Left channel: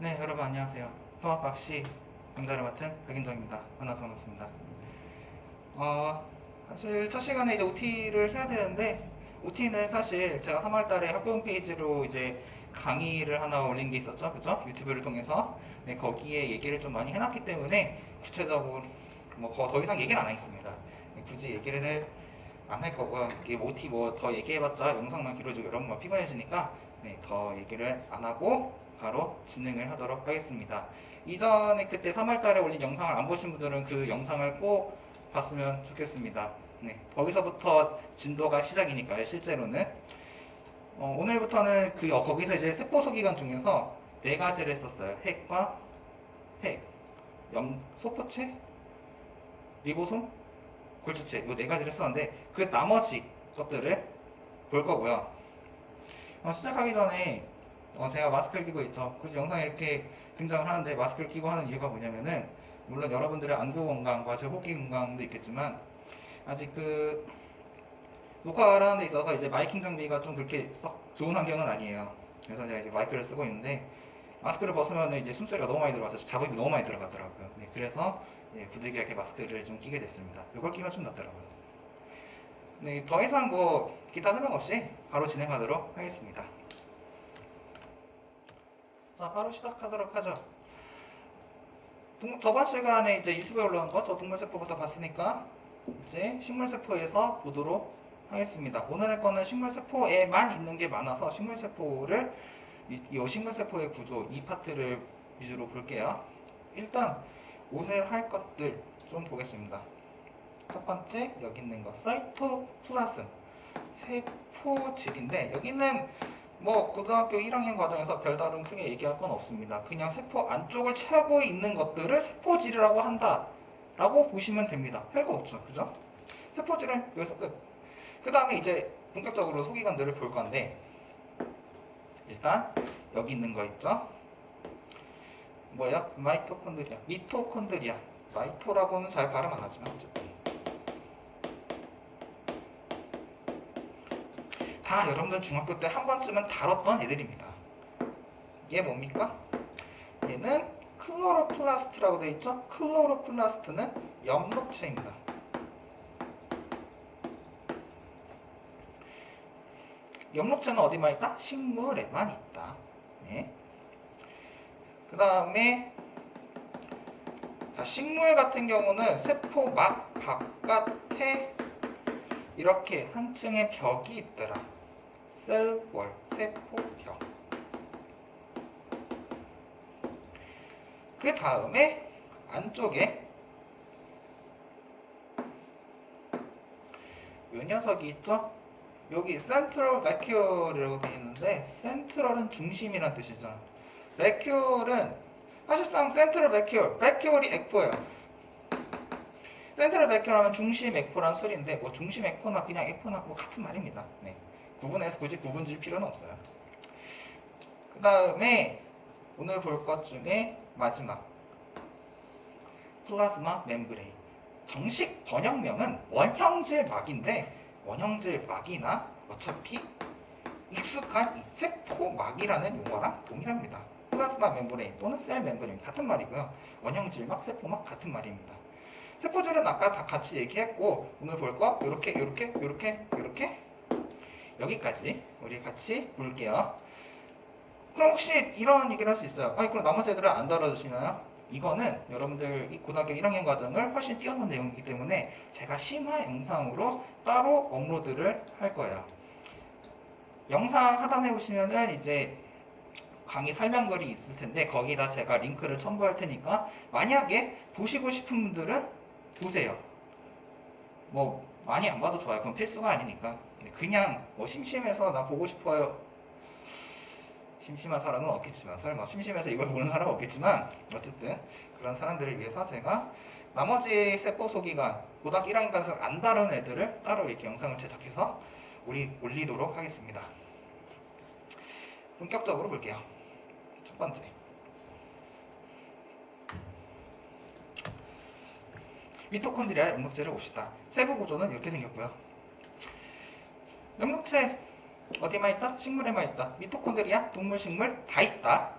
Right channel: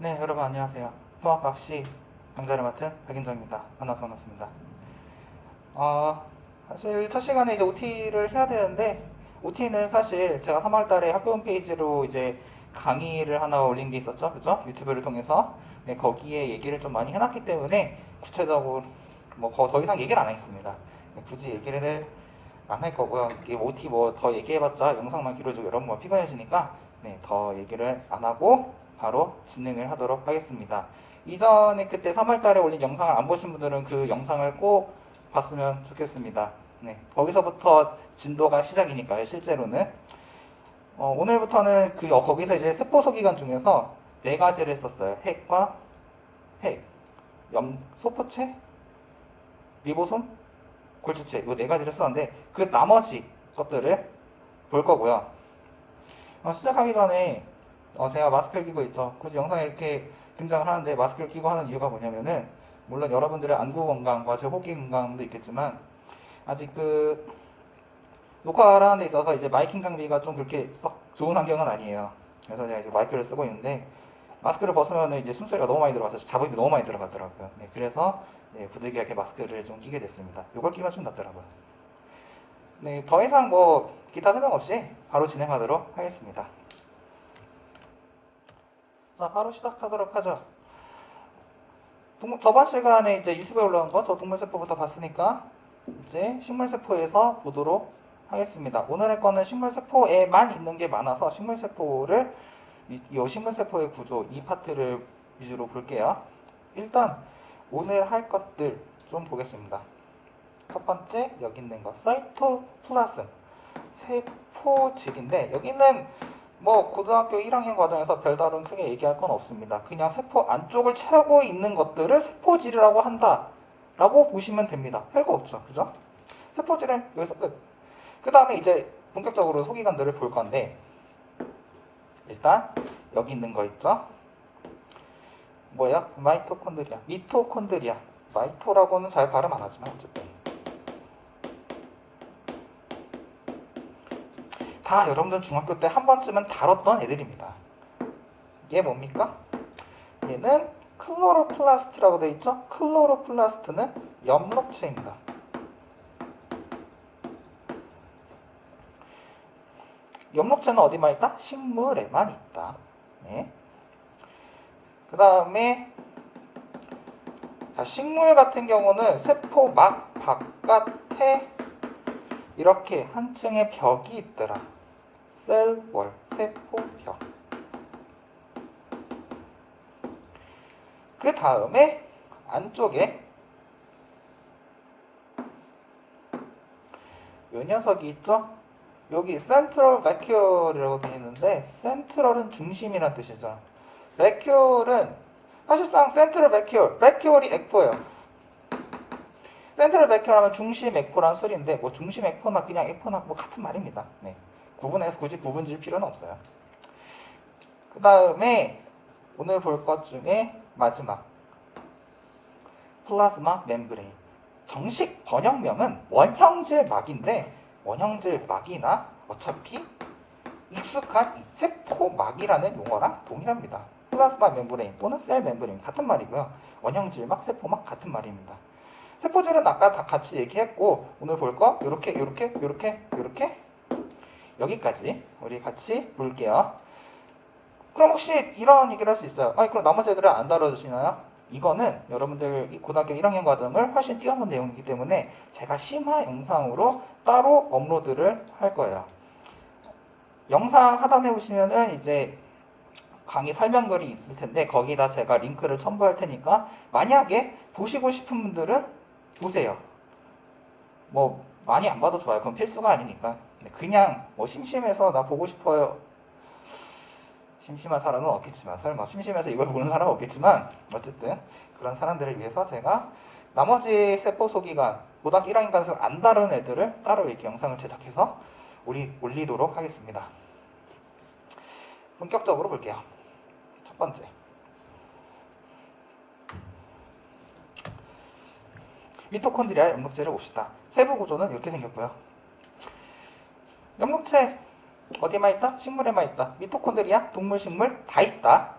네, 여러분 안녕하세요. 통합학시 강좌를 맡은 백인정입니다. 만나서 반갑습니다. 사실 첫 시간에 이제 OT를 해야 되는데, OT는 사실 제가 3월 달에 학교 홈페이지로 이제 강의를 하나 올린 게 있었죠. 그죠? 유튜브를 통해서. 네, 거기에 얘기를 좀 많이 해놨기 때문에 구체적으로 뭐 더 이상 얘기를 안 하겠습니다. 네, 굳이 얘기를 안 할 거고요. 이게 OT 뭐 더 얘기해봤자 영상만 길어지고 여러분 피곤해지니까 네, 더 얘기를 안 하고 바로 진행을 하도록 하겠습니다. 이전에 그때 3월 달에 올린 영상을 안 보신 분들은 그 영상을 꼭 봤으면 좋겠습니다. 네, 거기서부터 진도가 시작이니까요, 실제로는. 오늘부터는 거기서 이제 세포소 기관 중에서 네 가지를 했었어요. 핵과 핵, 소포체, 리보솜, 골주체, 이 네 가지를 썼는데 그 나머지 것들을 볼 거고요. 시작하기 전에 제가 마스크를 끼고 있죠. 굳이 영상에 이렇게 등장을 하는데 마스크를 끼고 하는 이유가 뭐냐면은 물론 여러분들의 안구 건강과 제 호흡기 건강도 있겠지만 아직 녹화를 하는 데 있어서 이제 마이킹 장비가 좀 그렇게 썩 좋은 환경은 아니에요. 그래서 제가 이제 마이크를 쓰고 있는데 마스크를 벗으면 이제 숨소리가 너무 많이 들어가서 잡음이 너무 많이 들어가더라고요. 네, 그래서 부득이하게 마스크를 좀 끼게 됐습니다. 이걸 끼면 좀 낫더라고요. 네, 더 이상 뭐 기타 설명 없이 바로 진행하도록 하겠습니다. 자, 바로 시작하도록 하죠. 저번 시간에 이제 유튜브에 올라온 거, 저 동물세포부터 봤으니까 이제 식물세포에서 보도록 하겠습니다. 오늘 할 거는 식물세포에만 있는 게 많아서 식물세포를, 이 식물세포의 구조, 이 파트를 위주로 볼게요. 일단 오늘 할 것들 좀 보겠습니다. 첫 번째, 여기 있는 거, 사이토플라즘, 세포질인데, 여기는 뭐 고등학교 1학년 과정에서 별다른 크게 얘기할 건 없습니다. 그냥 세포 안쪽을 채우고 있는 것들을 세포질이라고 한다 라고 보시면 됩니다. 별거 없죠, 그죠? 세포질은 여기서 끝. 그 다음에 이제 본격적으로 소기관들을 볼 건데, 일단 여기 있는 거 있죠? 뭐야? 마이토콘드리아, 미토콘드리아. 마이토라고는 잘 발음 안 하지만 어쨌든 다 여러분들 중학교 때 한 번쯤은 다뤘던 애들입니다. 얘 뭡니까? 얘는 클로로플라스트라고 되어 있죠? 클로로플라스트는 엽록체입니다. 엽록체는 어디만 있다? 식물에만 있다. 네. 그 다음에 식물 같은 경우는 세포막 바깥에 이렇게 한 층의 벽이 있더라. 셀월, 세포벽. 그 다음에 안쪽에 이 녀석이 있죠? 여기 센트럴 베큐얼이라고 되어 있는데 센트럴은 중심이란 뜻이죠. 베큐얼은 사실상 센트럴 베큐얼, 베큐얼이 에코예요. 센트럴 베큐얼 하면 중심 에코란 소리인데 뭐 중심 에코나 그냥 에코나 뭐 같은 말입니다. 네. 구분해서 굳이 구분 질 필요는 없어요. 그 다음에 오늘 볼 것 중에 마지막 플라즈마 멤브레인. 정식 번역명은 원형질막인데 원형질막이나 어차피 익숙한 세포막이라는 용어랑 동일합니다. 플라즈마 멤브레인 또는 셀 멤브레인 같은 말이고요. 원형질막, 세포막 같은 말입니다. 세포질은 아까 다 같이 얘기했고 오늘 볼 거 요렇게 여기까지 우리 같이 볼게요. 그럼 혹시 이런 얘기를 할 수 있어요. 아니 그럼 나머지 애들은 안 다뤄주시나요? 이거는 여러분들 이 고등학교 1학년 과정을 훨씬 뛰어넘은 내용이기 때문에 제가 심화 영상으로 따로 업로드를 할 거예요. 영상 하단에 보시면은 이제 강의 설명글이 있을 텐데 거기다 제가 링크를 첨부할 테니까 만약에 보시고 싶은 분들은 보세요. 뭐 많이 안 봐도 좋아요. 그건 필수가 아니니까. 그냥 뭐 심심해서 나 보고 싶어요. 심심한 사람은 없겠지만 설마 심심해서 이걸 보는 사람은 없겠지만 어쨌든 그런 사람들을 위해서 제가 나머지 세포 소기관 고등학교 1학년까지 안 다룬 애들을 따로 이렇게 영상을 제작해서 올리도록 하겠습니다. 본격적으로 볼게요. 첫 번째, 미토콘드리아 엽록체를 봅시다. 세부 구조는 이렇게 생겼고요. 엽록체 어디만 있다? 식물에만 있다. 미토콘드리아, 동물, 식물 다 있다.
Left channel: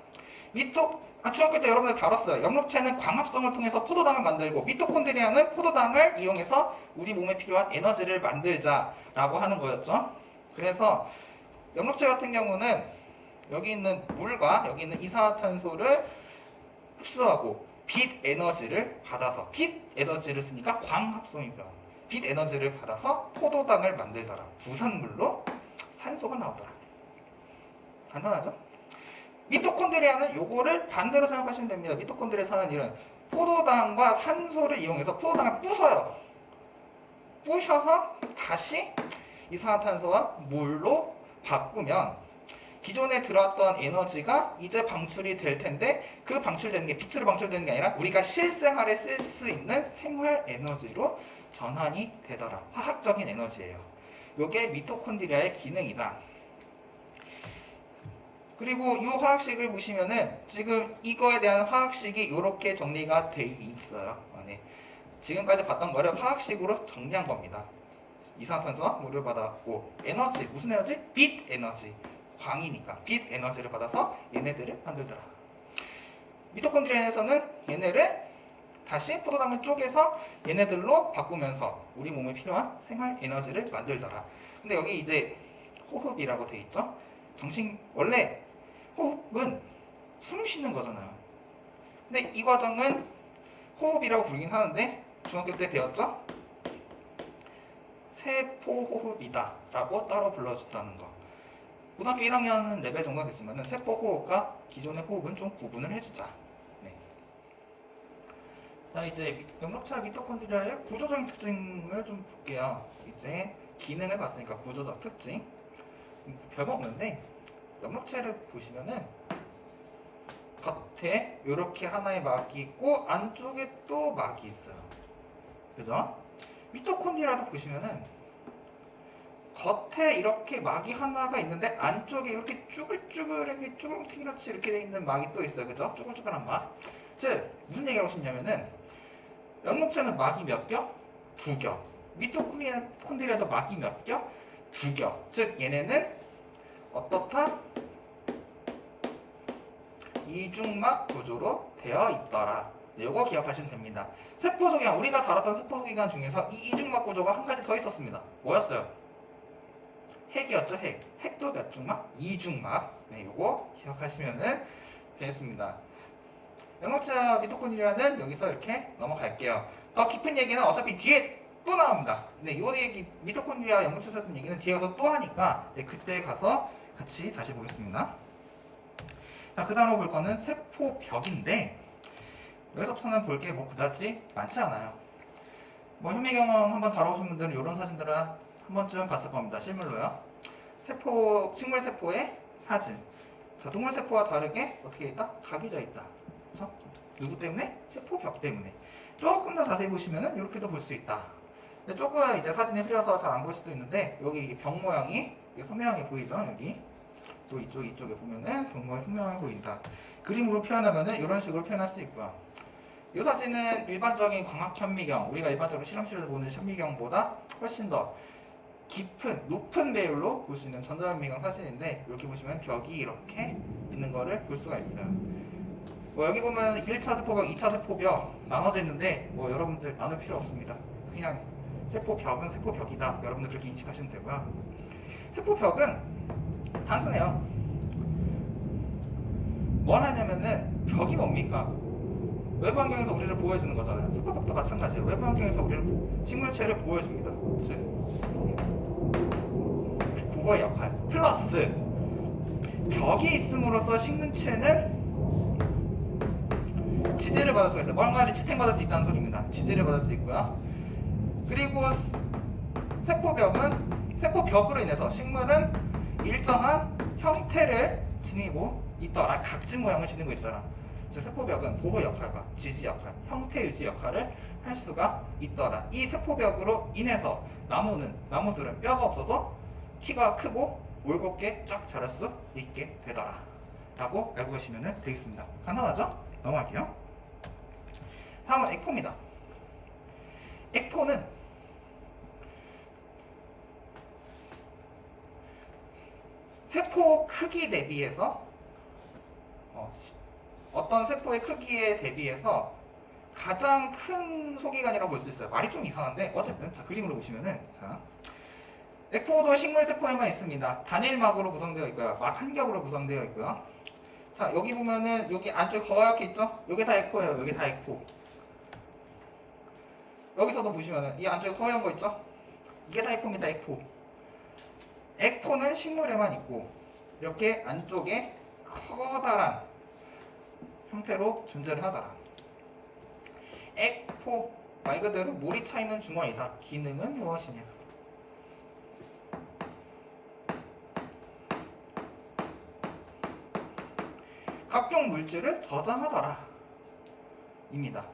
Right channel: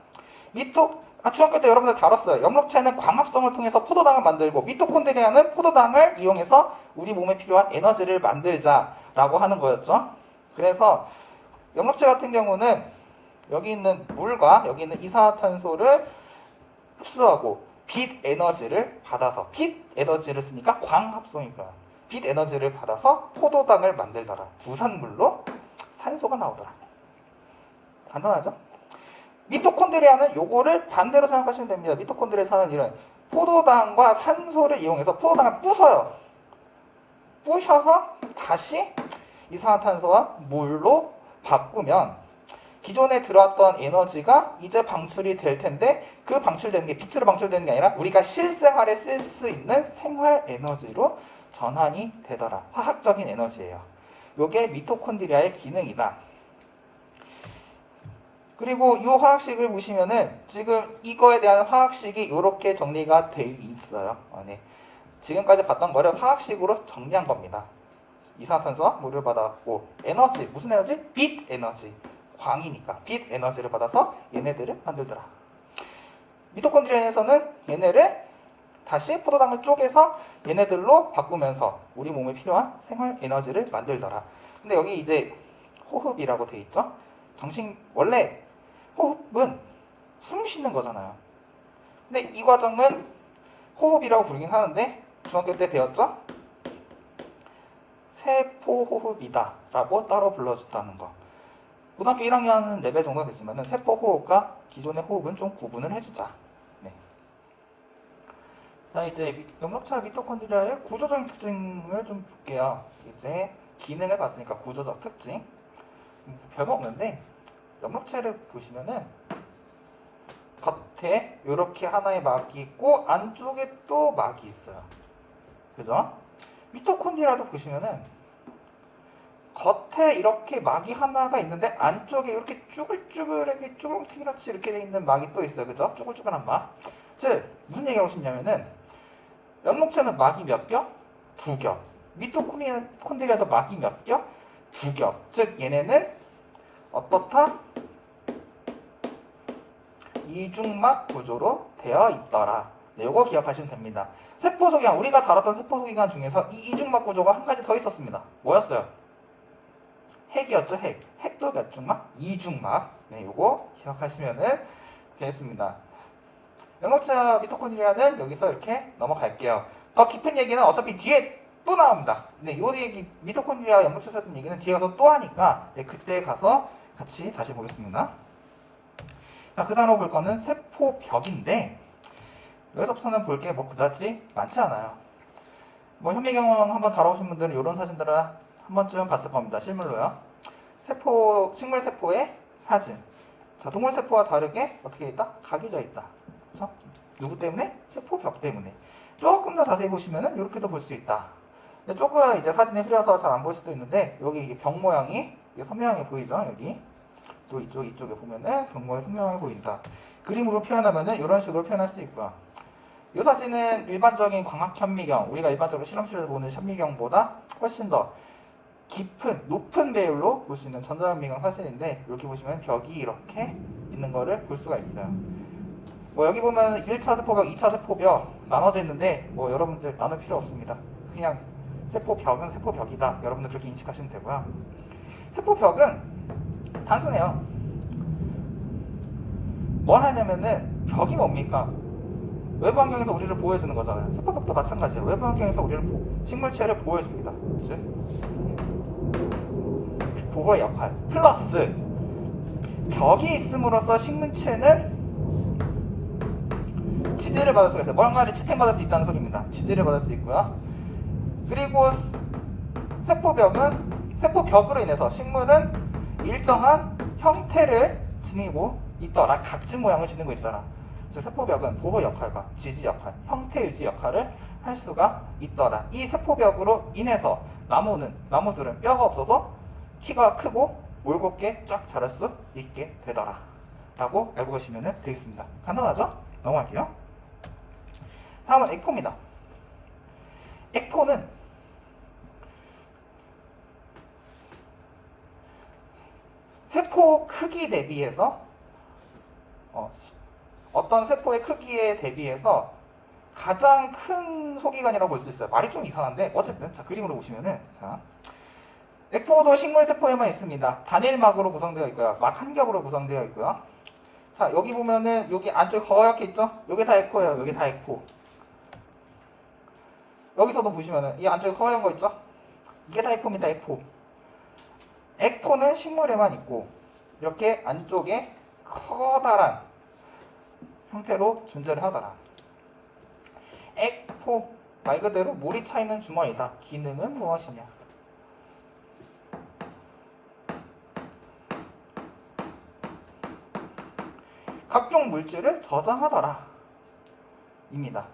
중학교 때 여러분들 다뤘어요. 엽록체는 광합성을 통해서 포도당을 만들고 미토콘드리아는 포도당을 이용해서 우리 몸에 필요한 에너지를 만들자라고 하는 거였죠. 그래서 엽록체 같은 경우는 여기 있는 물과 여기 있는 이산화탄소를 흡수하고 빛 에너지를 받아서 빛 에너지를 쓰니까 광합성이고요. 빛 에너지를 받아서 포도당을 만들더라. 부산물로 산소가 나오더라. 간단하죠? 미토콘드리아는 요거를 반대로 생각하시면 됩니다. 미토콘드리아에서 하는 일은 포도당과 산소를 이용해서 포도당을 부숴요. 부셔서 다시 이산화탄소와 물로 바꾸면 기존에 들어왔던 에너지가 이제 방출이 될 텐데 그 방출되는 게 빛으로 방출되는 게 아니라 우리가 실생활에 쓸 수 있는 생활 에너지로 전환이 되더라. 화학적인 에너지예요. 요게 미토콘드리아의 기능이다. 그리고 이 화학식을 보시면은 지금 이거에 대한 화학식이 이렇게 정리가 되어 있어요. 네. 지금까지 봤던 거를 화학식으로 정리한 겁니다. 이산화탄소와 물을 받았고 에너지, 무슨 에너지? 빛 에너지. 광이니까 빛 에너지를 받아서 얘네들을 만들더라. 미토콘드리아에서는 얘네를 다시 포도당을 쪼개서 얘네들로 바꾸면서 우리 몸에 필요한 생활 에너지를 만들더라. 근데 여기 이제 호흡이라고 돼 있죠? 원래 호흡은 숨 쉬는 거잖아요. 근데 이 과정은 호흡이라고 부르긴 하는데 중학교 때 배웠죠? 세포호흡이다 라고 따로 불러줬다는 거. 고등학교 1학년 레벨 정도 됐으면 세포호흡과 기존의 호흡은 좀 구분을 해주자. 네. 자, 이제 엽록체 미토콘드리아의 구조적인 특징을 좀 볼게요. 이제 기능을 봤으니까 구조적 특징. 별거 없는데 엽록체를 보시면은 겉에 이렇게 하나의 막이 있고 안쪽에 또 막이 있어요. 그죠? 미토콘드리아도 보시면은 겉에 이렇게 막이 하나가 있는데 안쪽에 이렇게 쭈글쭈글하게 쭈글튀기같이 이렇게 돼 있는 막이 또 있어요. 그죠? 쭈글쭈글한 막. 즉 무슨 얘기하고 싶냐면은 엽록체는 막이 몇 겹? 두 겹. 미토콘드리아도 막이 몇 겹? 두 겹. 즉 얘네는 어떻다? 이중막 구조로 되어 있더라. 네, 요거 기억하시면 됩니다. 세포소기관, 우리가 다뤘던 세포소기관 중에서 이 이중막 구조가 한 가지 더 있었습니다. 뭐였어요? 핵이었죠, 핵. 핵도 몇 중막? 이중막. 네, 요거 기억하시면 되겠습니다. 엽록체 미토콘드리아는 여기서 이렇게 넘어갈게요. 더 깊은 얘기는 어차피 뒤에 또 나옵니다. 네, 요 얘기, 미토콘드리아 엽록체 세포 얘기는 뒤에 가서 또 하니까 네, 그때 가서 같이 다시 보겠습니다. 자, 그 다음으로 볼 거는 세포벽인데 여기서부터는 볼 게 뭐 그다지 많지 않아요. 뭐 현미경험 한번 다뤄보신 분들은 이런 사진들을 한 번쯤 봤을 겁니다. 실물로요. 식물 세포의 사진. 자, 동물 세포와 다르게 어떻게 있다? 각이 져 있다. 그렇죠? 누구 때문에? 세포벽 때문에. 조금 더 자세히 보시면은 이렇게도 볼 수 있다. 근데 조금 이제 사진이 흐려서 잘 안 보일 수도 있는데 여기 이게 벽 모양이 선명하게 보이죠? 여기. 또 이쪽에 보면은 경모의 선명하게 보인다. 그림으로 표현하면은 이런 식으로 표현할 수 있고요. 이 사진은 일반적인 광학 현미경, 우리가 일반적으로 실험실에서 보는 현미경보다 훨씬 더 깊은, 높은 배율로 볼 수 있는 전자현미경 사진인데 이렇게 보시면 벽이 이렇게 있는 거를 볼 수가 있어요. 뭐 여기 보면 1차 세포벽, 2차 세포벽 나눠져 있는데 뭐 여러분들 나눌 필요 없습니다. 그냥 세포벽은 세포벽이다. 여러분들 그렇게 인식하시면 되고요. 세포벽은 단순해요. 뭘 하냐면은 벽이 뭡니까? 외부 환경에서 우리를 보호해주는 거잖아요. 세포벽도 마찬가지예요. 외부 환경에서 우리를 식물체를 보호해줍니다. 즉 보호의 역할 플러스 벽이 있음으로써 식물체는 지지를 받을 수가 있어요. 뭔가를 지탱받을 수 있다는 소리입니다. 지지를 받을 수 있고요. 그리고 세포벽으로 인해서 식물은 일정한 형태를 지니고 있더라. 각진 모양을 지니고 있더라. 즉 세포벽은 보호 역할과 지지 역할, 형태 유지 역할을 할 수가 있더라. 이 세포벽으로 인해서 나무들은 뼈가 없어서 키가 크고 올곧게 쫙 자랄 수 있게 되더라. 라고 알고 계시면 되겠습니다. 간단하죠? 넘어갈게요. 다음은 액포입니다. 액포는 세포 크기 대비해서 어떤 세포의 크기에 대비해서 가장 큰 소기관이라고 볼 수 있어요. 말이 좀 이상한데 어쨌든 자 그림으로 보시면은 자 에코도 식물 세포에만 있습니다. 단일막으로 구성되어 있고요. 막 한 겹으로 구성되어 있고요. 자 여기 보면은 여기 안쪽에 거옇게 있죠? 여기 다 에코예요. 여기 다 에코. 여기서도 보시면은 이 안쪽에 허연 거 있죠? 이게 다 에코입니다. 에코. 에코는 식물에만 있고 이렇게 안쪽에 커다란 형태로 존재를 하더라. 에코 말 그대로 물이 차 있는 주머니다. 기능은 무엇이냐? 각종 물질을 저장하더라. 입니다.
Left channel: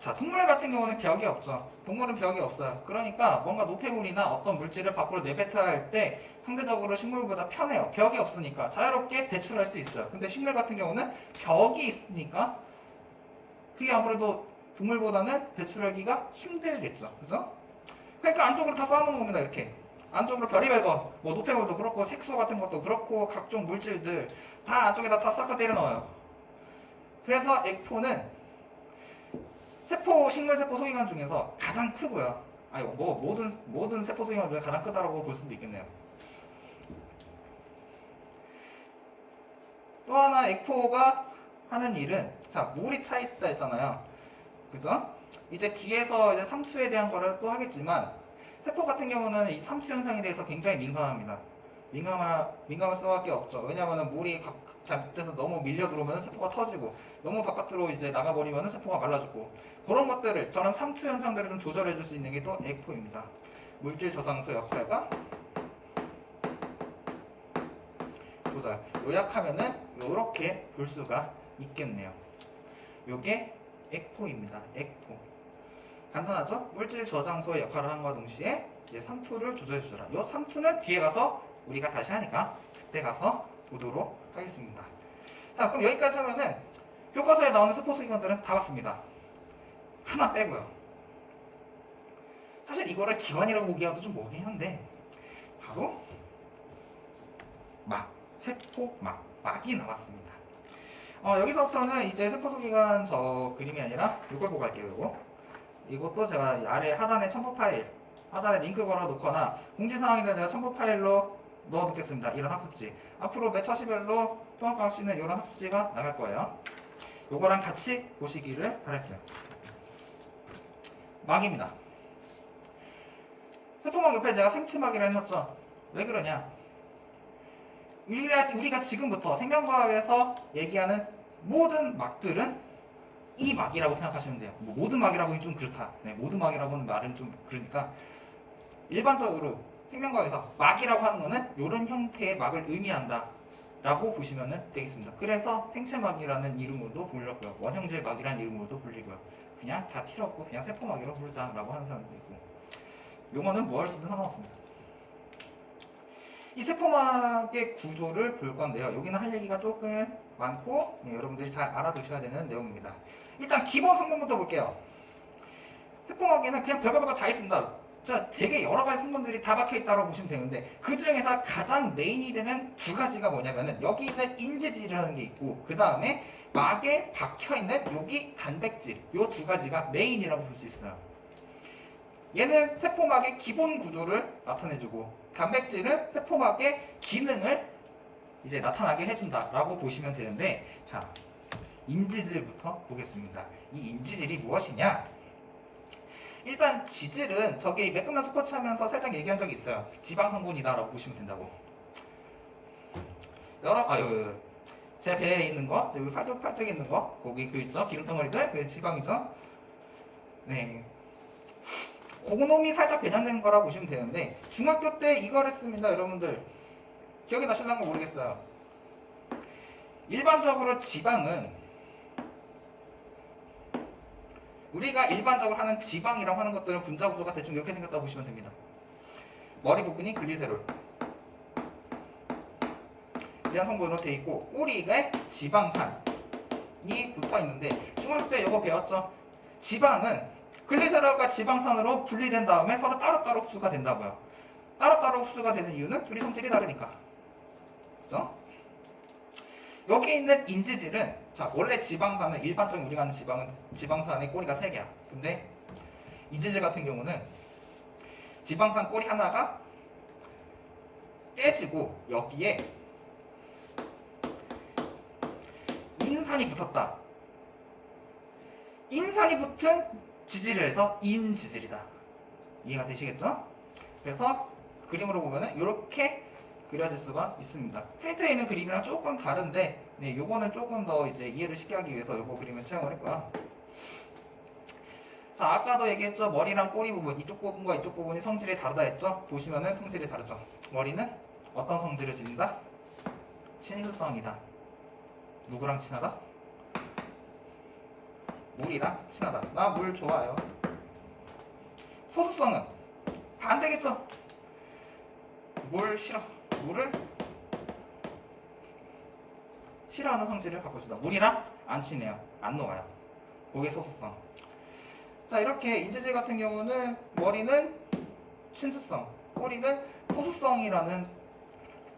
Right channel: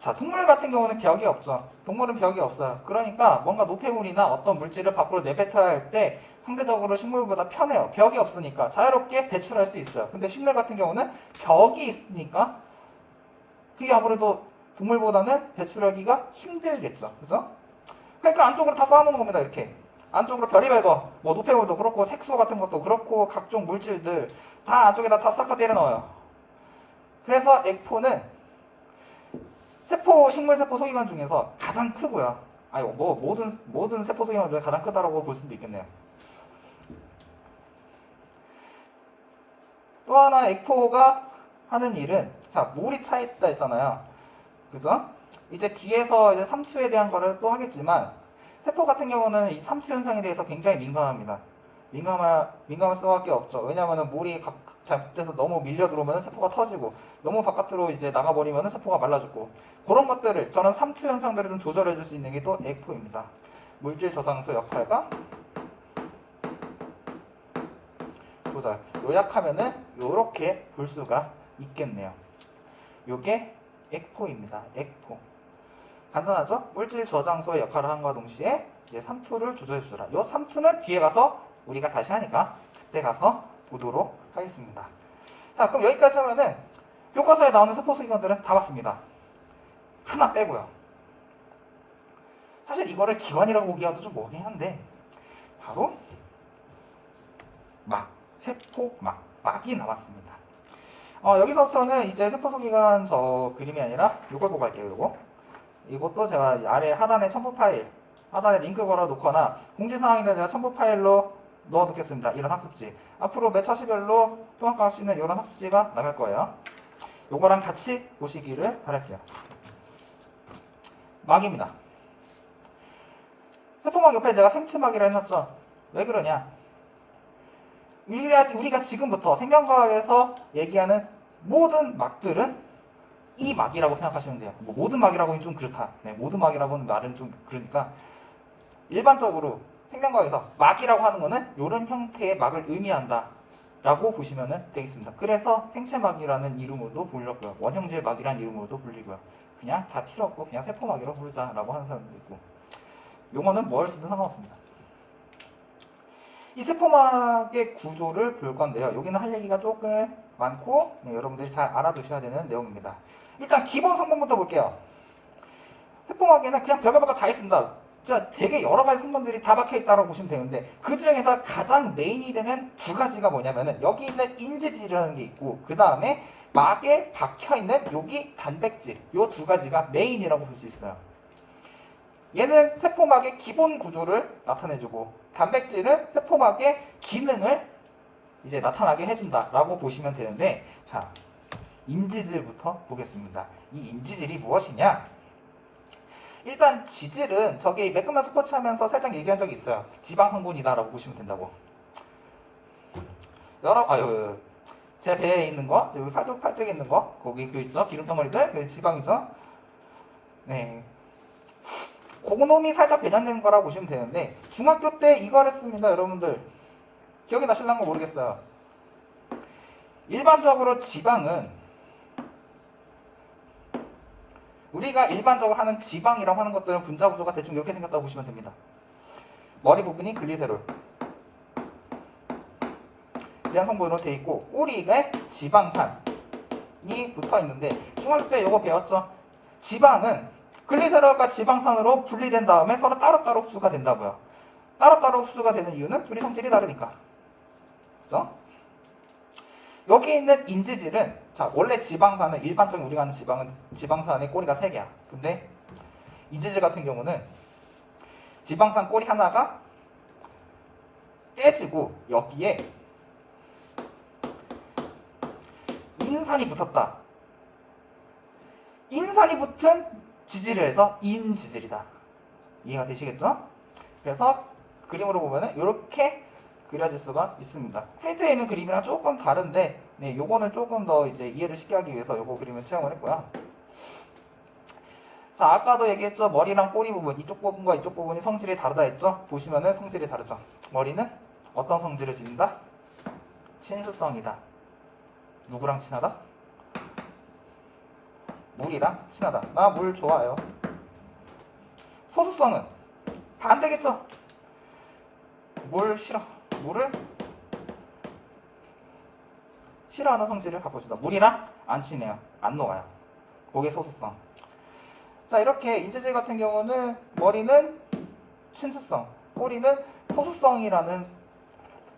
자, 동물 같은 경우는 벽이 없죠. 동물은 벽이 없어요. 그러니까 뭔가 노폐물이나 어떤 물질을 밖으로 내뱉어야 할 때 상대적으로 식물보다 편해요. 벽이 없으니까 자유롭게 배출할 수 있어요. 근데 식물 같은 경우는 벽이 있으니까 그게 아무래도 동물보다는 배출하기가 힘들겠죠. 그죠? 그러니까 안쪽으로 다 쌓아놓는 겁니다. 이렇게. 안쪽으로 별의별 거, 뭐 노폐물도 그렇고 색소 같은 것도 그렇고 각종 물질들 다 안쪽에다 다 싹 다 때려 넣어요. 그래서 에코는 식물 세포 소기관 중에서 가장 크고요. 아니 뭐 모든 세포 소기관 중에 가장 크다라고 볼 수도 있겠네요. 또 하나 에코가 하는 일은 자 물이 차 있다 했잖아요. 그죠? 이제 뒤에서 이제 삼투에 대한 거를 또 하겠지만 세포 같은 경우는 이 삼투 현상에 대해서 굉장히 민감합니다. 민감할 수밖에 없죠. 왜냐하면 물이 잘못돼서 너무 밀려 들어오면 세포가 터지고 너무 바깥으로 이제 나가버리면 세포가 말라 죽고 그런 것들을 저런 삼투 현상들을 좀 조절해 줄 수 있는 게 또 에코입니다. 물질 저장소 역할과 조절. 요약하면은 요렇게 볼 수가 있겠네요. 요게 에코입니다. 에코. 간단하죠? 물질 저장소의 역할을 함과 동시에 이제 삼투를 조절해 주라. 요 삼투는 뒤에 가서 우리가 다시 하니까 그때 가서 보도록 하겠습니다. 자, 그럼 여기까지 하면은 교과서에 나오는 세포 소기관들은 다 봤습니다. 하나 빼고요. 사실 이거를 기관이라고 보기에도 좀 뭐긴 한데 바로 막이 나왔습니다. 여기서부터는 이제 세포 소기관 저 그림이 아니라 이걸 보고 갈게요. 이것도 제가 아래 하단에 첨부 파일 하단에 링크 걸어 놓거나 공지사항인데 제가 첨부 파일로 넣어 놓겠습니다. 이런 학습지. 앞으로 매 차시별로 통합과학 시는 이런 학습지가 나갈 거예요. 요거랑 같이 보시기를 바랄게요. 막입니다. 세포막 옆에 제가 생체막이라 해놨죠. 왜 그러냐? 우리가 지금부터 생명과학에서 얘기하는 모든 막들은 이 막이라고 생각하시면 돼요. 뭐 모든 막이라고 하긴 좀 그렇다. 네, 모든 막이라고는 말은 좀 그러니까 일반적으로 생명과학에서 막이라고 하는 거는 이런 형태의 막을 의미한다 라고 보시면 되겠습니다. 그래서 생체막이라는 이름으로도 불렸고요. 원형질 막이라는 이름으로도 불리고요. 그냥 다 필요 없고 그냥 세포막이라고 부르자 라고 하는 사람도 있고 용어는 뭘 쓰든 상관없습니다. 이 세포막의 구조를 볼 건데요. 여기는 할 얘기가 조금 많고 여러분들이 잘 알아두셔야 되는 내용입니다. 일단 기본 성분부터 볼게요. 세포막에는 그냥 별거 다 있습니다. 진짜 되게 여러 가지 성분들이 다 박혀 있다고 보시면 되는데 그 중에서 가장 메인이 되는 두 가지가 뭐냐면은 여기 있는 인지질이라는 게 있고 그 다음에 막에 박혀 있는 여기 단백질 요 두 가지가 메인이라고 볼 수 있어요. 얘는 세포막의 기본 구조를 나타내주고 단백질은 세포막의 기능을 이제 나타나게 해준다라고 보시면 되는데 자 인지질부터 보겠습니다. 이 인지질이 무엇이냐? 일단 지질은 저기 매끈한 스포츠 하면서 살짝 얘기한 적이 있어요. 지방 성분이다라고 보시면 된다고. 제 배에 있는 거, 여기 팔뚝에 있는 거, 거기 그 있죠? 기름덩어리들, 그 지방이죠? 네. 고놈이 살짝 배양되는 거라고 보시면 되는데 중학교 때 이걸 했습니다. 여러분들 기억이 나실랑가 모르겠어요. 일반적으로 지방은 우리가 일반적으로 하는 지방이라고 하는 것들은 분자 구조가 대충 이렇게 생겼다고 보시면 됩니다. 머리 부분이 글리세롤 이런 성분으로 되어 있고 꼬리에 지방산이 붙어 있는데 중학교 때 이거 배웠죠? 지방은 글리세롤과 지방산으로 분리된 다음에 서로 따로따로 흡수가 된다고요. 따로따로 흡수가 되는 이유는 둘이 성질이 다르니까. 그죠? 여기 있는 인지질은 자, 원래 지방산은 일반적인 우리가 아는 지방산의 꼬리가 3개야. 근데 인지질 같은 경우는 지방산 꼬리 하나가 깨지고 여기에 인산이 붙었다. 인산이 붙은 지질을 해서 인지질이다. 이해가 되시겠죠? 그래서 그림으로 보면은 이렇게 그려질 수가 있습니다. 프린트에 있는 그림이랑 조금 다른데, 네, 요거는 조금 더 이제 이해를 쉽게 하기 위해서 요거 그림을 채용을 했고요. 자, 아까도 얘기했죠. 머리랑 꼬리 부분, 이쪽 부분과 이쪽 부분이 성질이 다르다 했죠? 보시면은 성질이 다르죠. 머리는 어떤 성질을 지닌다? 친수성이다. 누구랑 친하다? 물이랑 친하다. 나 물 좋아요. 소수성은 반대겠죠? 물 싫어. 물을 싫어하는 성질을 갖고 있다. 물이랑 안 친해요. 안 녹아요. 그게 소수성. 자, 이렇게 인지질 같은 경우는 머리는 친수성, 꼬리는 소수성이라는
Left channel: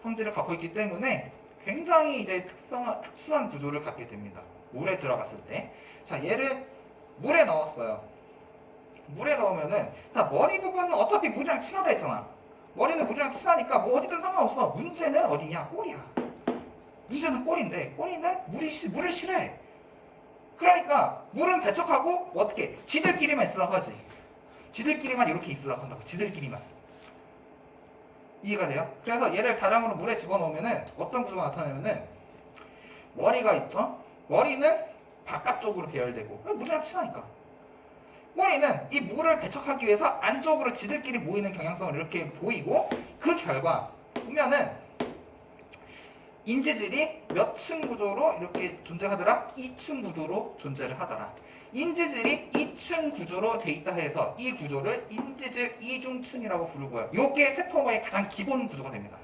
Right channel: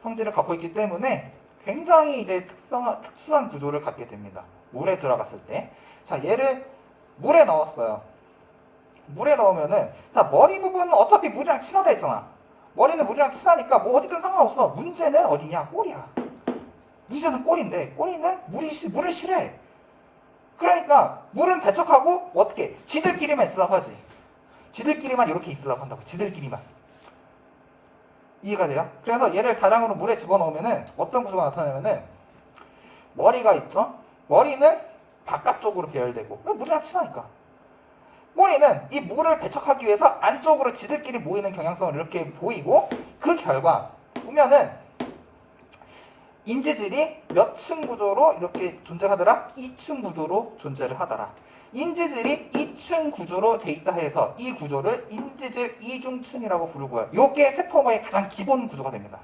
성질을 갖고 있기 때문에 굉장히 이제 특수한 구조를 갖게 됩니다. 물에 들어갔을 때. 자, 얘를 물에 넣었어요. 물에 넣으면은, 자, 머리 부분은 어차피 물이랑 친하다 했잖아. 머리는 물이랑 친하니까 뭐 어디든 상관없어. 문제는 어디냐? 꼬리야. 문제는 꼬리인데, 꼬리는 물을 싫어해. 그러니까 물은 배척하고 어떻게? 지들끼리만 있으려고 하지. 지들끼리만 이렇게 있으려고 한다고. 지들끼리만. 이해가 돼요? 그래서 얘를 다량으로 물에 집어넣으면은 어떤 구조가 나타나냐면은 머리가 있죠? 머리는 바깥쪽으로 배열되고 물이랑 친하니까. 꼬리는 이 물을 배척하기 위해서 안쪽으로 지들끼리 모이는 경향성을 이렇게 보이고, 그 결과 보면은 인지질이 몇 층 구조로 이렇게 존재하더라? 2층 구조로 존재를 하더라. 인지질이 2층 구조로 돼 있다 해서 이 구조를 인지질 이중층이라고 부르고요. 요게 세포막의 가장 기본 구조가 됩니다.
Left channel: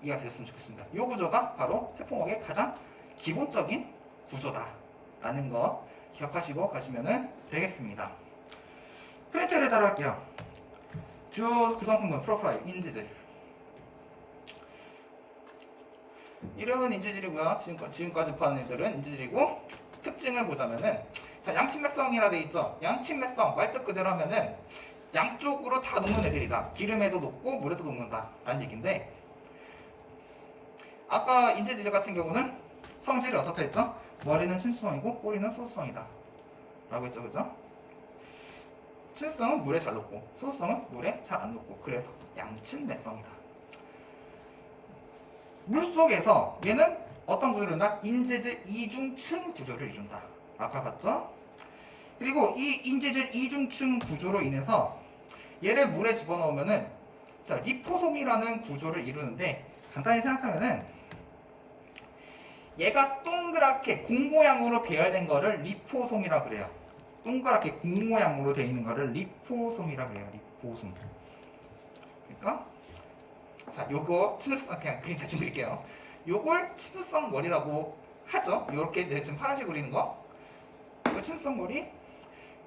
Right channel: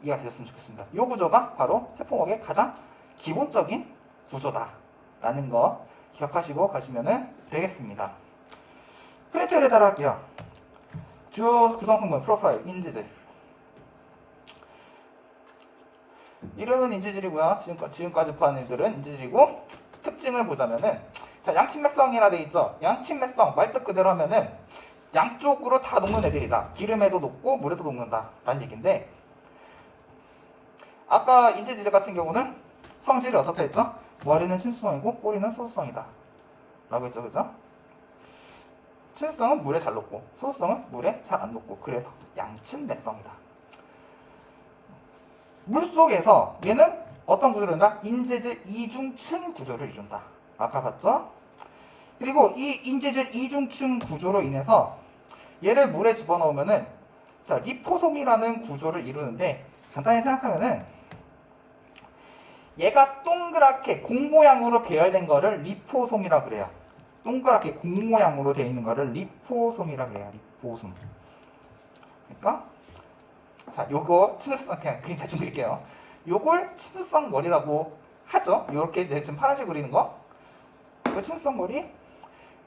이해가 되셨으면 좋겠습니다. 이 구조가 바로 세포막의 가장 기본적인 구조다라는 거 기억하시고 가시면 되겠습니다. 프린트를 따라할게요. 주 구성성분 프로파일 인지질. 이름은 인지질이고요. 지금까지 보한 애들은 인지질이고, 특징을 보자면은, 자, 양침맥성이라 돼 있죠. 양침맥성 말뜻 그대로 하면은 양쪽으로 다 녹는 애들이다. 기름에도 녹고 물에도 녹는다 라는 얘기인데, 아까 인지질 같은 경우는 성질이 어떻다 했죠? 머리는 친수성이고 꼬리는 소수성이다 라고 했죠. 그죠? 친수성은 물에 잘 녹고 소수성은 물에 잘 안 녹고, 그래서 양침맥성이다. 물속에서 얘는 어떤 구조를 이룬다? 인지질 이중층 구조를 이룬다. 아까 봤죠? 그리고 이 인지질 이중층 구조로 인해서 얘를 물에 집어넣으면은, 자, 리포솜이라는 구조를 이루는데, 간단히 생각하면은 얘가 동그랗게 공 모양으로 배열된 거를 리포솜이라 그래요. 동그랗게 공 모양으로 되어 있는 거를 리포솜이라 그래요. 리포솜. 그러니까 자, 요거 치즈성, 그냥 그림 대충 그릴게요. 요걸 치즈성 머리라고 하죠. 요렇게 지금 파란색 그리는 거. 요 치즈성 머리.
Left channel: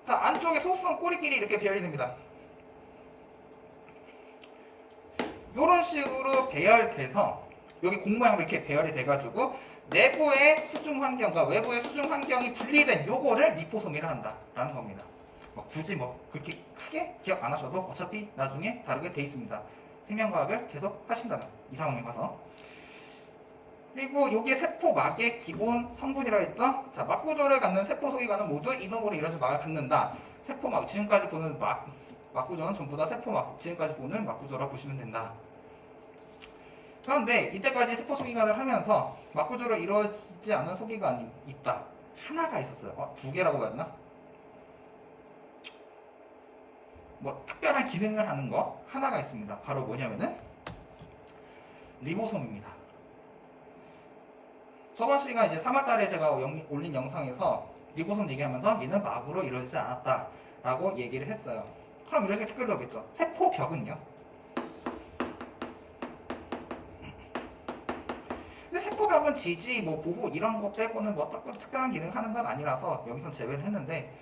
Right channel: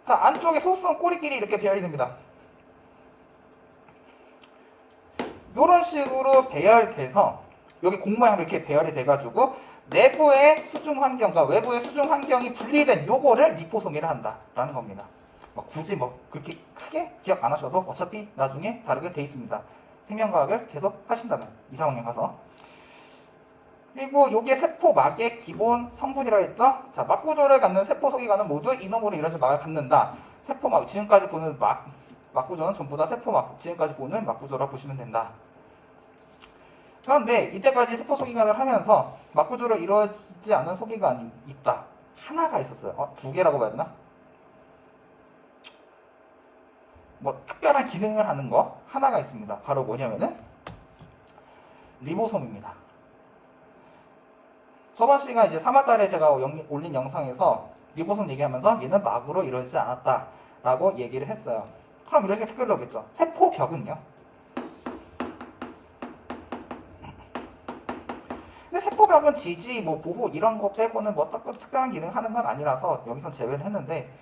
자, 안쪽에 소수성 꼬리끼리 이렇게 배열이 됩니다. 요런 식으로 배열돼서 여기 공 모양으로 이렇게 배열이 돼가지고 내부의 수중 환경과 외부의 수중 환경이 분리된 요거를 리포솜이라 한다라는 겁니다. 굳이 그렇게 크게 기억 안 하셔도 어차피 나중에 다르게 돼 있습니다. 생명과학을 계속 하신다면 이 상황에 가서. 그리고 요게 세포막의 기본 성분이라고 했죠. 자, 막구조를 갖는 세포 소기관은 모두 이놈으로 이루어진 막을 갖는다. 세포막, 지금까지 보는 막구조는 전부 다 세포막, 지금까지 보는 막구조라고 보시면 된다. 그런데 이때까지 세포 소기관을 하면서 막구조로 이루어지지 않은 소기관이 있다. 하나가 있었어요. 2개라고 봐야 되나? 특별한 기능을 하는 거 하나가 있습니다. 바로 뭐냐면은 리보솜입니다. 저번 시간 이제 3월달에 제가 올린 영상에서 리보솜 얘기하면서 얘는 막으로 이루어지지 않았다 라고 얘기를 했어요. 그럼 이렇게 특별하겠죠. 세포벽은요? 근데 세포벽은 지지, 보호 이런 거 빼고는 특별한 기능을 하는 건 아니라서 여기서 제외를 했는데,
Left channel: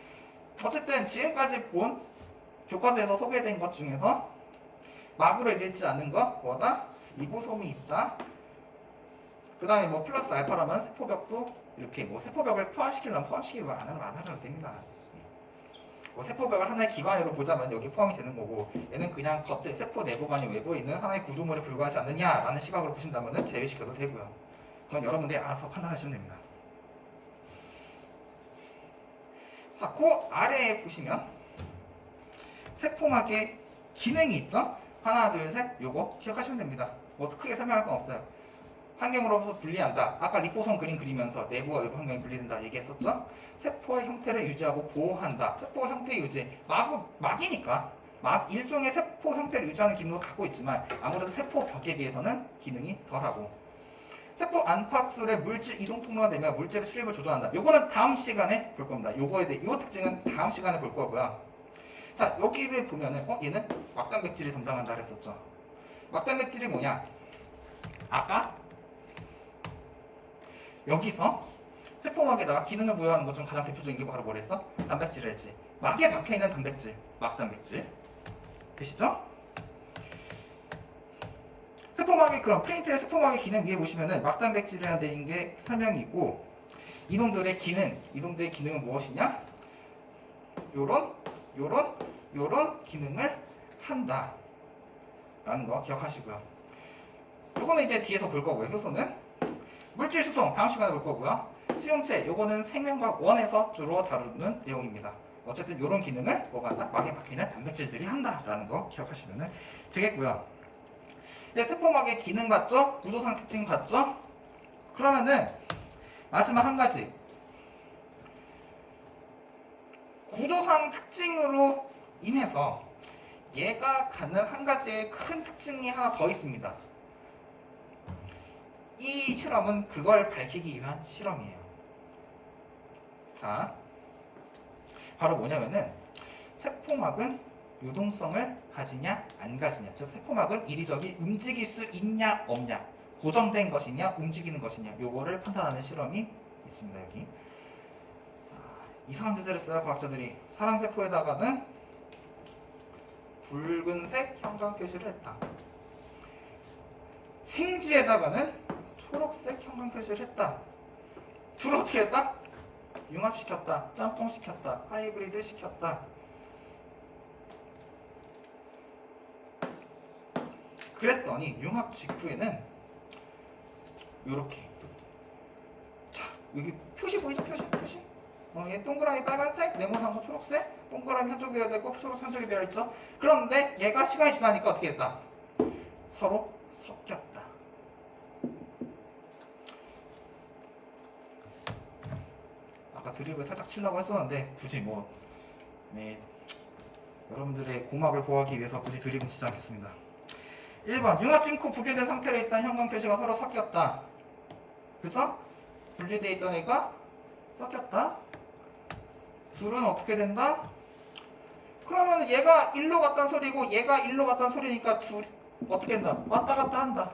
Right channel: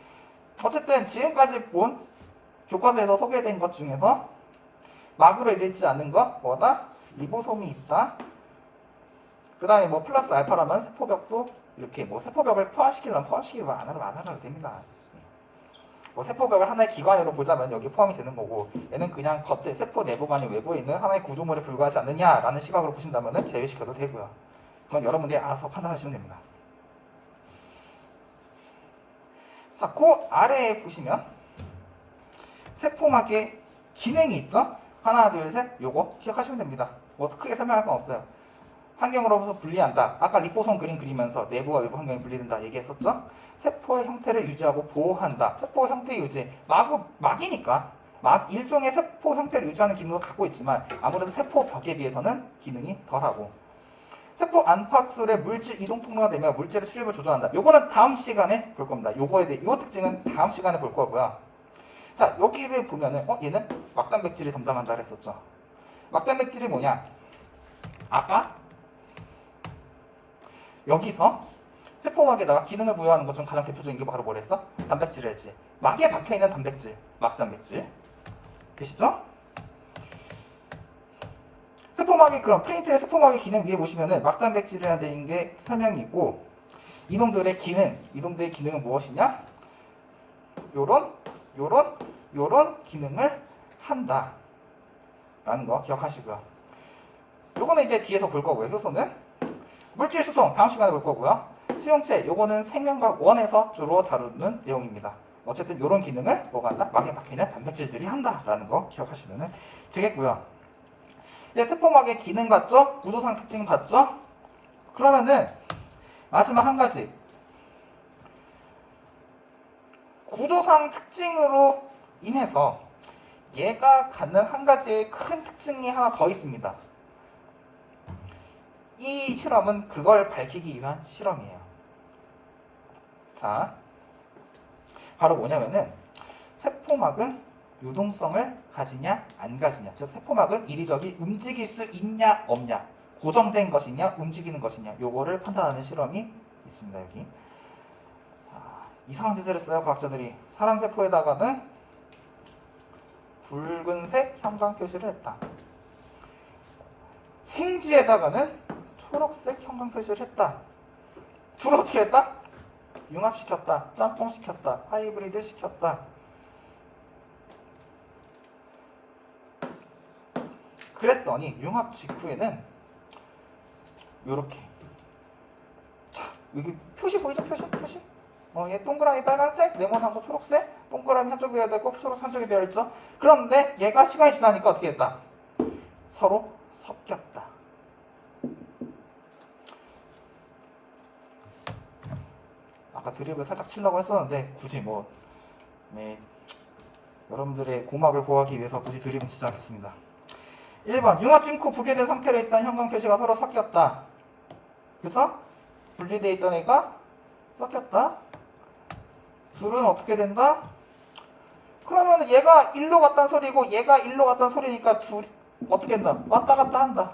어쨌든 지금까지 본 교과서에서 소개된 것 중에서 막으로 이루어지지 않는 것, 뭐다? 리보솜이 있다. 그 다음에 뭐 플러스 알파라면 세포벽도 이렇게 뭐 세포벽을 포함시키려면 포함시키고 안 하면 됩니다. 뭐 세포벽을 하나의 기관으로 보자면 여기 포함이 되는 거고, 얘는 그냥 겉에 세포 내부가 아닌 외부에 있는 하나의 구조물에 불과하지 않느냐라는 시각으로 보신다면 제외시켜도 되고요. 그건 여러분들이 알아서 판단하시면 됩니다. 자, 그 아래에 보시면 세포막의 기능이 있죠? 하나, 둘, 셋. 요거 기억하시면 됩니다. 뭐 크게 설명할 건 없어요. 환경으로부터 분리한다. 아까 리포솜 그림 그리면서 내부와 외부 환경이 분리된다 얘기했었죠? 세포의 형태를 유지하고 보호한다. 세포 형태 유지. 막이니까. 일종의 세포 형태를 유지하는 기능도 갖고 있지만 아무래도 세포 벽에 비해서는 기능이 덜하고. 세포 안팎술의 물질 이동 통로가 되며 물질의 수립을 조절한다. 요거는 다음 시간에 볼 겁니다. 요거에 대해 요 특징은 다음 시간에 볼 거고요. 자, 여기를 보면은 얘는 막단백질이 담당한다 그랬었죠. 막단백질이 뭐냐? 아까 여기서 세포막에다가 기능을 부여하는 것 중 가장 대표적인 게 바로 뭐랬어? 단백질을 했지. 막에 박혀있는 단백질, 막단백질. 되시죠? 세포막의 그럼 프린트의 세포막의 기능 위에 보시면은 막단백질이라는 게 설명이 있고, 이놈들의 기능은 무엇이냐? 요런 기능을 한다 라는 거 기억하시고요. 요거는 이제 뒤에서 볼 거고요. 효소는 물질 수송 다음 시간에 볼 거고요. 수용체 요거는 생명과학 1에서 주로 다루는 내용입니다. 어쨌든 요런 기능을 뭐가 한다? 막에 박혀있는 단백질들이 한다 라는 거 기억하시면 되겠고요. 이제 세포막의 기능 봤죠? 구조상 특징 봤죠? 그러면은 마지막 한 가지, 구조상 특징으로 인해서 얘가 갖는 한 가지의 큰 특징이 하나 더 있습니다. 이 실험은 그걸 밝히기 위한 실험이에요. 자, 바로 뭐냐면은 세포막은 유동성을 가지냐 안 가지냐, 즉 세포막은 이리저리 움직일 수 있냐 없냐, 고정된 것이냐 움직이는 것이냐, 요거를 판단하는 실험이 있습니다. 여기 이상한 짓을 했어요. 과학자들이 사랑세포에다가는 붉은색 형광 표시를 했다. 생쥐에다가는 초록색 형광 표시를 했다. 둘을 어떻게 했다? 융합시켰다, 짬뽕시켰다, 하이브리드 시켰다. 그랬더니 융합 직후에는 요렇게, 자, 여기 표시 보이죠? 표시. 얘 동그라미 빨간색, 네모난 거 초록색, 동그라미 한쪽이 되어 있고 초록색 한쪽이 되어 있죠. 그런데 얘가 시간이 지나니까 어떻게 했다? 서로 섞였다. 아까 드립을 살짝 치려고 했었는데 굳이 여러분들의 고막을 보호하기 위해서 굳이 드립은 치지 않겠습니다. 1번 융합 징크 분리된 상태로 있던 형광 표시가 서로 섞였다. 그죠? 분리되어 있던 애가 섞였다. 둘은 어떻게 된다? 그러면 얘가 1로 갔다는 소리고 얘가 1로 갔다는 소리니까 둘 어떻게 된다? 왔다 갔다 한다.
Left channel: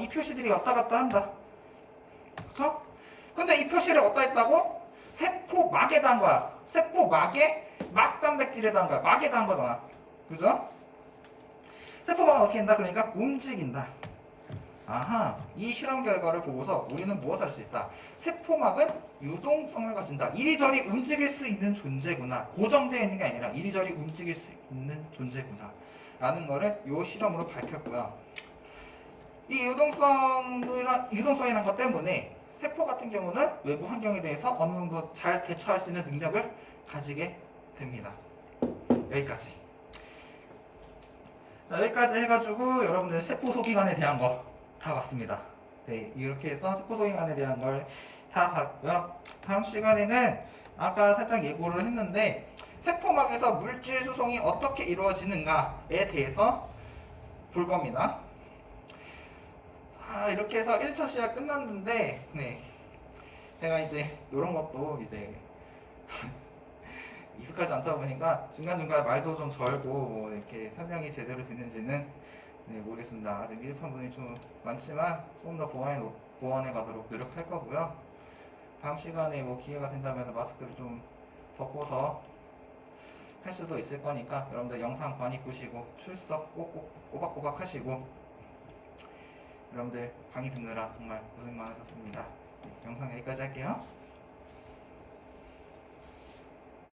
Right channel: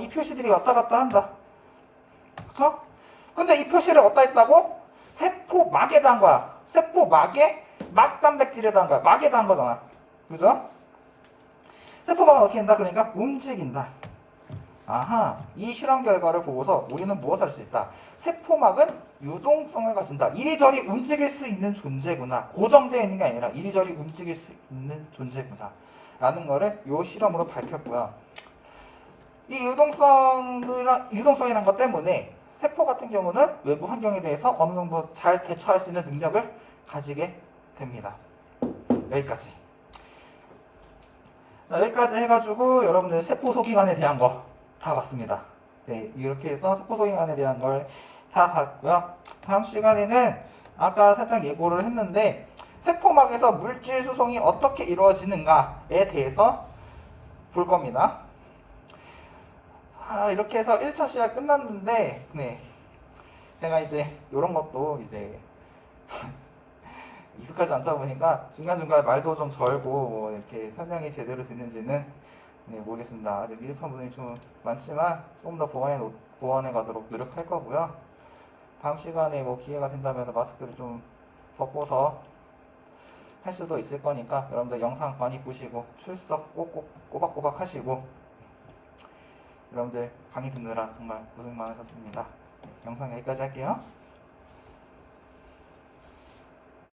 이 표시들이 왔다 갔다 한다. 그쵸? 근데 이 표시를 어디다 했다고? 세포막에다 한 거야. 세포막에 막단백질에다 한 거야. 막에다 한 거잖아. 그죠? 세포막은 어떻게 된다? 그러니까 움직인다. 아하, 이 실험 결과를 보고서 우리는 무엇을 할 수 있다? 세포막은 유동성을 가진다. 이리저리 움직일 수 있는 존재구나. 고정되어 있는 게 아니라 이리저리 움직일 수 있는 존재구나 라는 거를 이 실험으로 밝혔고요. 이 유동성이라는 것 때문에 세포 같은 경우는 외부 환경에 대해서 어느 정도 잘 대처할 수 있는 능력을 가지게 됩니다. 여기까지. 자, 여기까지 해가지고 여러분들 세포 소기관에 대한 거 다 봤습니다. 네, 이렇게 해서 세포 소기관에 대한 걸 다 봤고요. 다음 시간에는 아까 살짝 예고를 했는데 세포막에서 물질 수송이 어떻게 이루어지는가에 대해서 볼 겁니다. 이렇게 해서 1차 시간 끝났는데, 네, 제가 이제 이런 것도 이제 익숙하지 않다 보니까 중간중간 말도 좀 절고 이렇게 설명이 제대로 됐는지는 모르겠습니다. 아직 미흡한 부분이 좀 많지만 조금 더 보완해 가도록 노력할 거고요. 다음 시간에 기회가 된다면 마스크를 좀 벗고서 할 수도 있을 거니까 여러분들 영상 많이 보시고 출석 꼭꼭 꼬박꼬박 하시고 여러분들 강의 듣느라 정말 고생 많으셨습니다. 네, 영상 여기까지 할게요.